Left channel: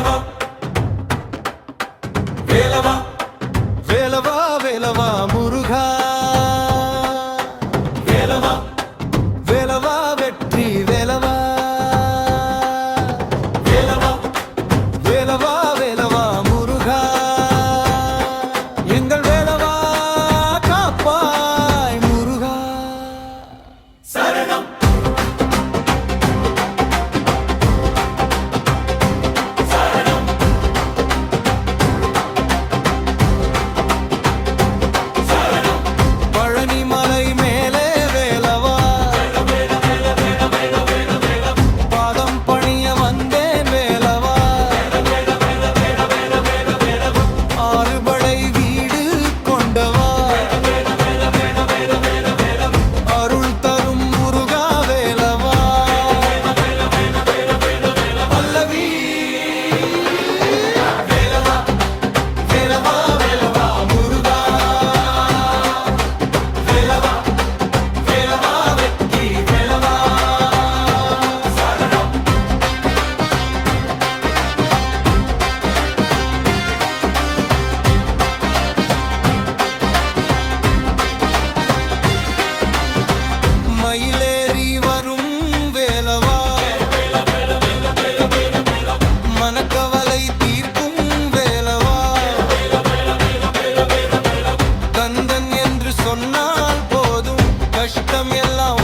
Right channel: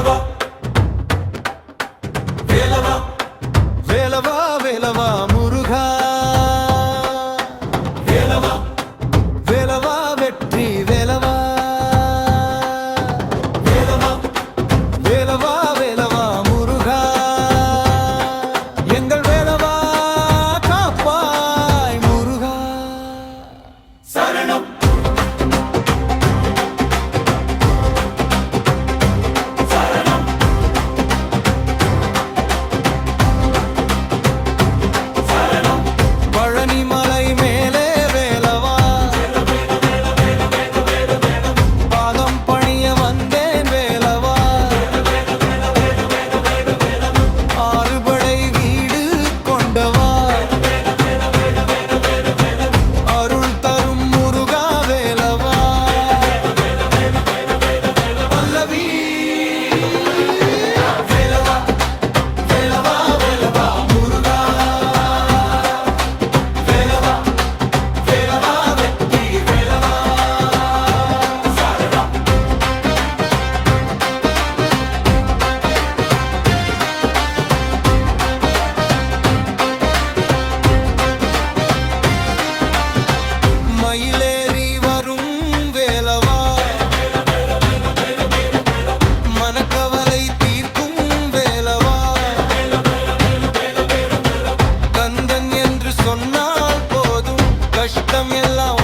வேலவா வேலவா வேலவா வேலவா முருகா, வேலவா வேலவா வெற்றி வேலவா, வேலவா வேலவா வேலவா முருகா, எங்கள் வேலவா காப்பாய் முருகா. சரணம் சரணம் சரணம் பழனிமலை மேலே வேலவா, பாதம் பணிய வந்தேன் வேலவா, ஆறுபடை வீடு கொண்டவா, அருள் தரும் முருகா வேலவா. பல்லவி வேலவா வேலவா வேலவா முருகா, வேலவா வேலவா வெற்றி வேலவா. சரணம் மயிலேறி வரும் வேலவா, மனக்கவலை தீர்க்கும் வேலவா, கந்தன் என்று சொன்னால் போதும் கஷ்டம் எல்லாம்